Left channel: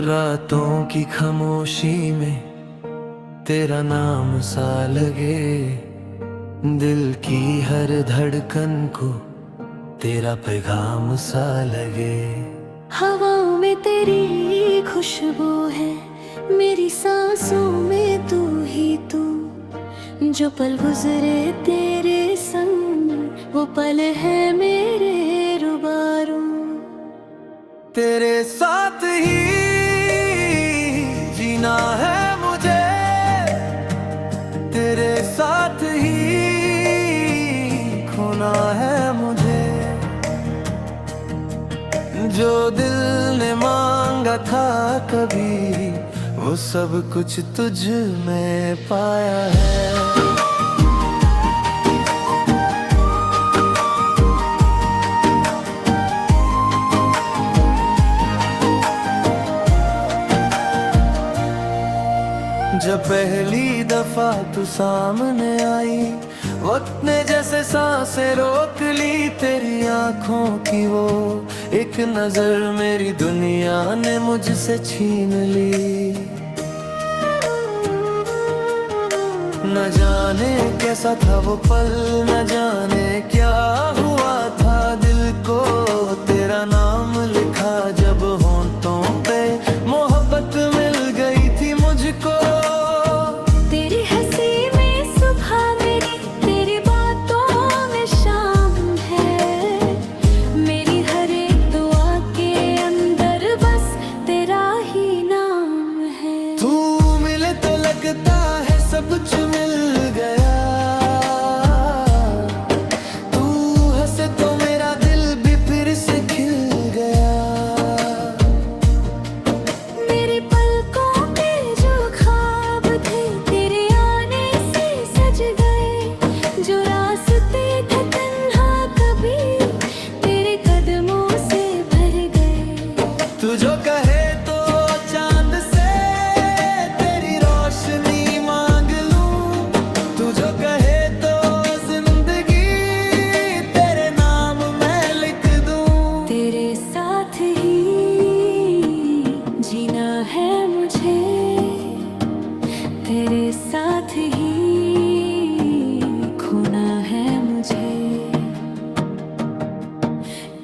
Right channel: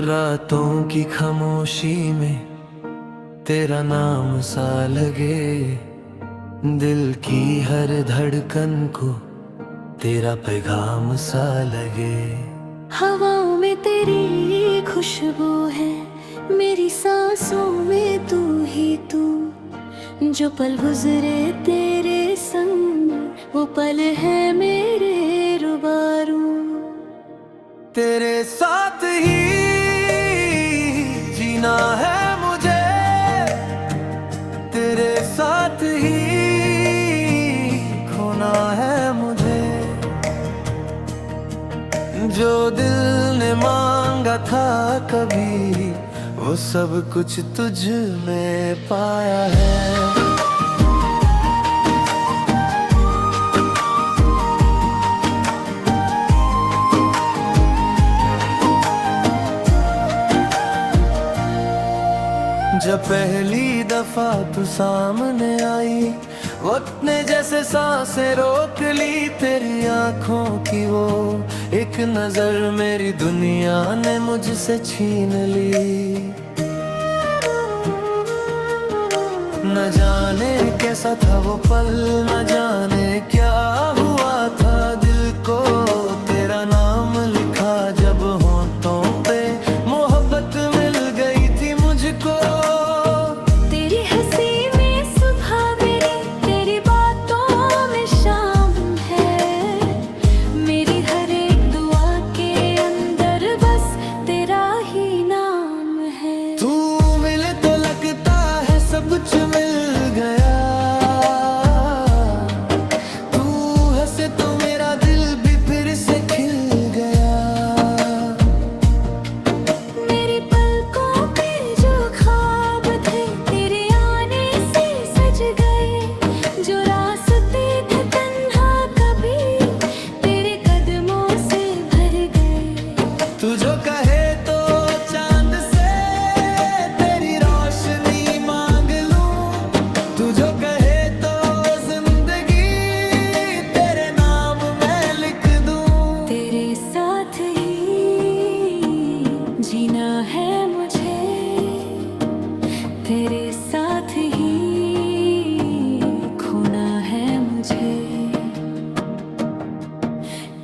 रातों की खामोशी में तेरा नाम सा लगे, दिल की हर धड़कन को तेरा पैगाम सा लगे। हवाओं में तेरी खुशबू है, मेरी सांसों में तू ही तू। जो पल गुजरे तेरे संग वो पल है मेरे रूबरू। तेरे साथ ही जीना है मुझे, तेरे साथ ही खोना है मुझे। जो दिल ने मांगा था कभी, वो सब कुछ तुझ में पाया है। जब पहली दफा तू सामने आई, वक्त ने जैसे सांसें रोक ली। तेरी आंखों की वो एक नजर मेरी दुनिया ने मुझसे छीन ली। न जाने कैसा था वो पल, न जाने क्या हुआ था दिल को। तेरा नाम लिखा जब होंठों पे, मोहब्बत मिल गई थी मुझको। तेरी हंसी में सुबह मेरी, तेरी बातों में शाम है। मेरी हर एक दुआ के अंदर बस तेरा ही नाम है। तू मिले तो लगता है सब कुछ मिल गया, तू हंसे तो मेरा दिल भी फिर से खिल गया। मेरी पलकों पे जो ख्वाब थे तेरे आने से सज गए। जो रास्ते थे तन्हा कभी तेरे कदमों से भर गए। तू जो कहे तो चांद से तेरी रोशनी मांग लूं, तू जो कहे तो जिंदगी तेरे नाम मैं लिख दूं। तेरे साथ ही जीना है मुझे, तेरे साथ ही खोना है मुझे।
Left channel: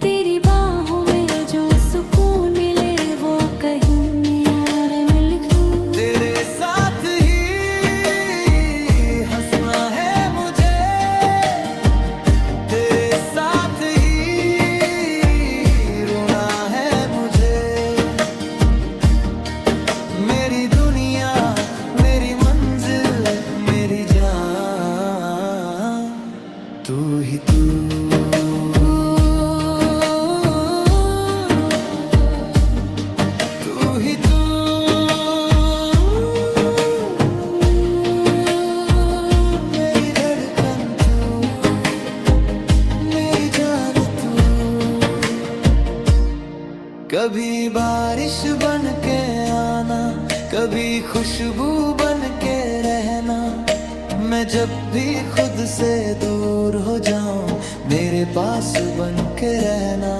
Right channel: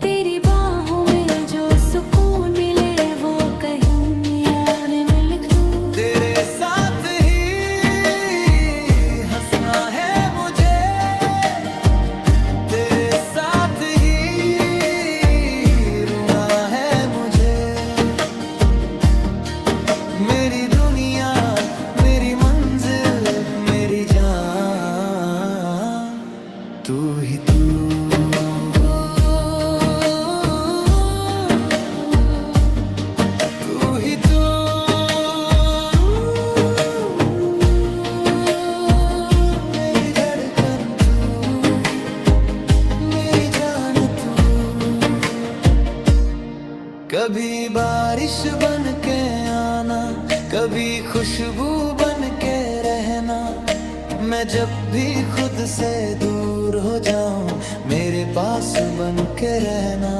तेरी बाहों में जो सुकून मिले वो कहीं यार में लिख दूं। तेरे साथ ही हंसना है मुझे, तेरे साथ ही रोना है मुझे। मेरी दुनिया, मेरी मंजिल, मेरी जान, तू ही तू। तू ही तू, मेरी धड़कन तू, मेरी जान तू। कभी बारिश बन के आना, कभी खुशबू बन के रहना। मैं जब भी खुद से दूर हो जाऊं, मेरे पास बन के रहना।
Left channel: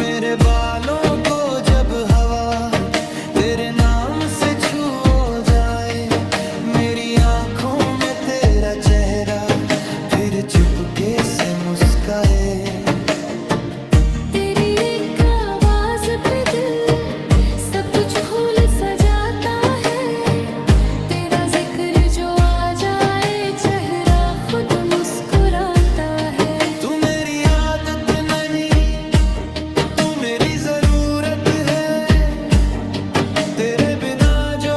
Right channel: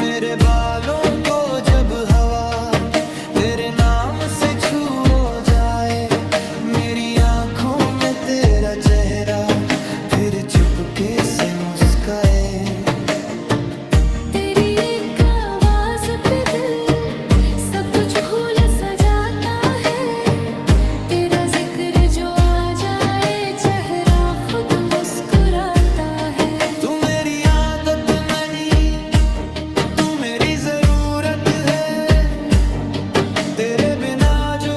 मेरे बालों को जब हवा तेरे नाम से छू हो जाए, मेरी आंखों में तेरा चेहरा फिर चुपके से मुस्काए। तेरी एक आवाज पे दिल सब कुछ भूल सा जाता है। तेरा जिक्र जो आ जाए चेहरा खुद मुस्कुराता है। तू मेरी आदत नहीं, तू मेरी जरूरत है। तेरे बिना जो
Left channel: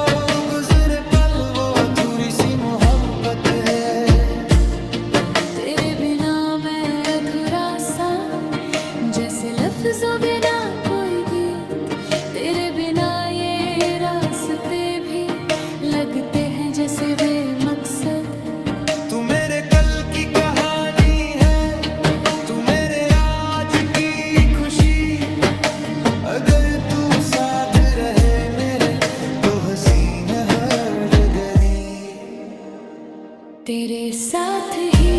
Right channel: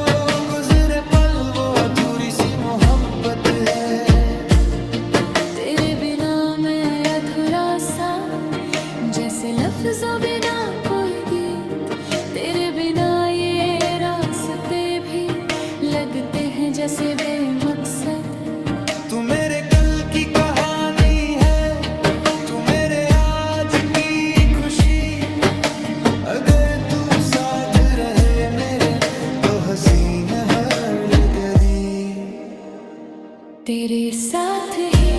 गुजरे पल वो अधूरी सी मोहब्बत है। तेरे बिना मैं अधूरा सा, जैसे लफ्जों बिना कोई गीत। तेरे बिना ये रास्ते भी लगते हैं जैसे बेमकसद। तू मेरे कल की कहानी है, तू मेरे आज की खुशी। अगर तू साथ रहे मेरे तो हसीन हर घड़ी। तेरे साथ ही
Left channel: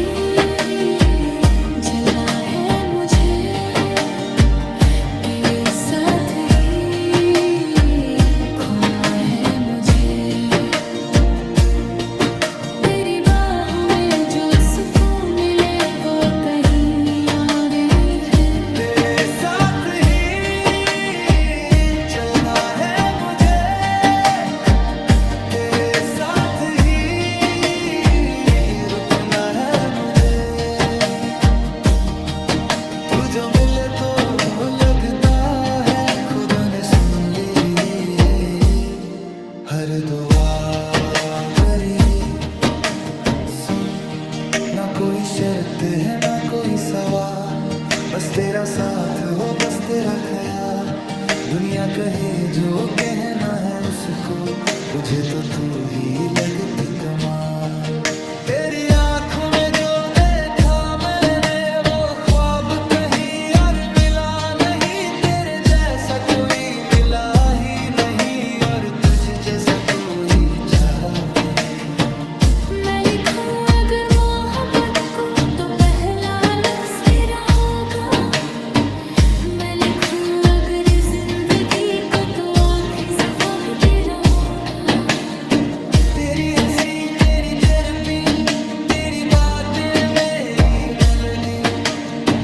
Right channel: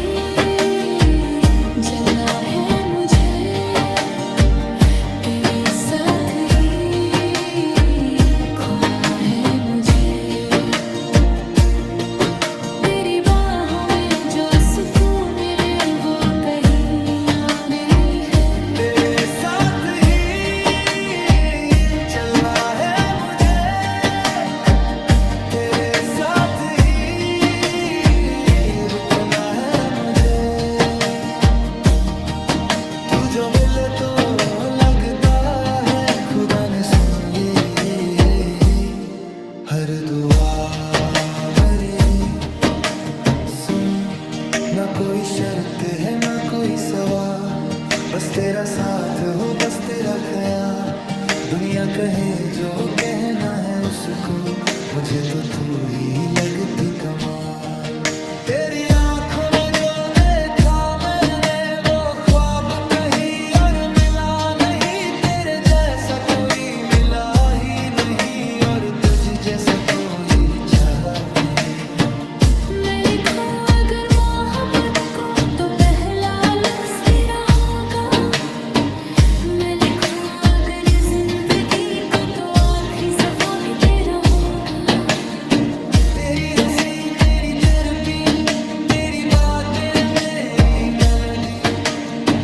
जलना है मुझे, तूने सुन ली है हर दुआ मेरी। सुन, ना कोई शर्त है ना कोई सवाल, बस तेरा साथ हो बस तेरा ख्याल। दुनिया कहे जो कहना है उसको, मुझे तो तू ही लगती कमाल। तेरी आंखों में जो देखा मैंने वो ख्वाब कहीं और मिला नहीं। तेरे जैसा कोई मिला ही नहीं और तुझ जैसा कोई चाहा नहीं। मैं लिखूं अगर मोहब्बत को तो पहला लफ्ज तेरा होगा। मैं लिखूं अगर जिंदगी को तो आखिरी सफा भी तेरा होगा। तेरी हंसी मेरी थेरेपी, तेरी बातें मेरी मेलोडी।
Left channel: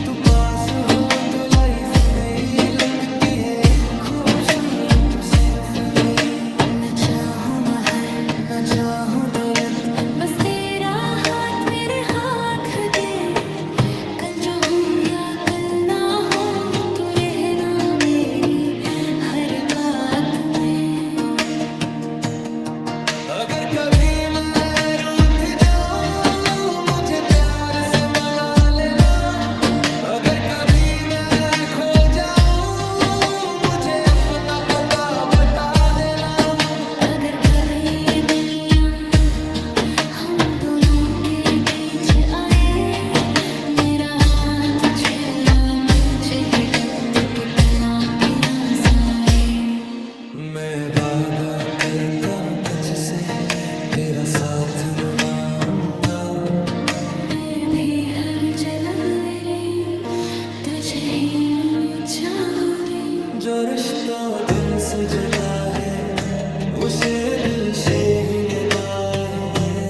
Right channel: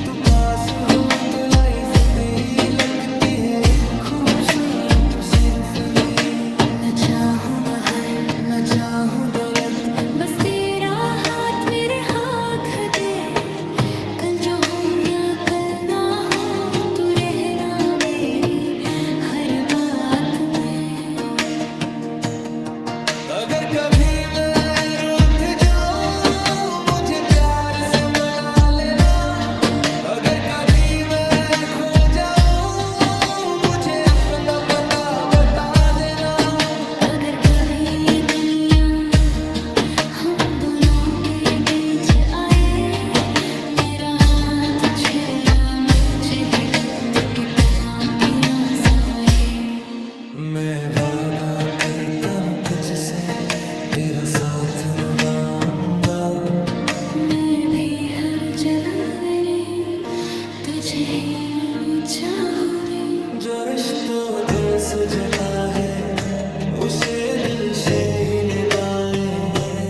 तू पास हो तो लाइफ मेरी लगती है खूबसूरत सिम्फनी। न चाहूं महल न चाहूं दौलत, बस तेरा हाथ मेरे हाथ दे। कल जो हो या कल ना हो तू रहना मेरी हर बात में। अगर कभी मैं रूठ जाऊं मुझे प्यार से मना लेना। अगर कभी मैं खो जाऊं मुझे अपना पता बता देना। अगर कभी ये दुनिया हम दोनों के बीच आए, मेरा हाथ छेड़ा मुझे ही वक्त कितना पिया सारे। मैं वादा करता हूँ तुझसे तेरा साथ निभाऊंगा। मैं भी हर जन्म मेरे तुझे ही चाहूं रे। जो रिश्तों दिल से जुदा है उसे दिल से ही निभाएंगे।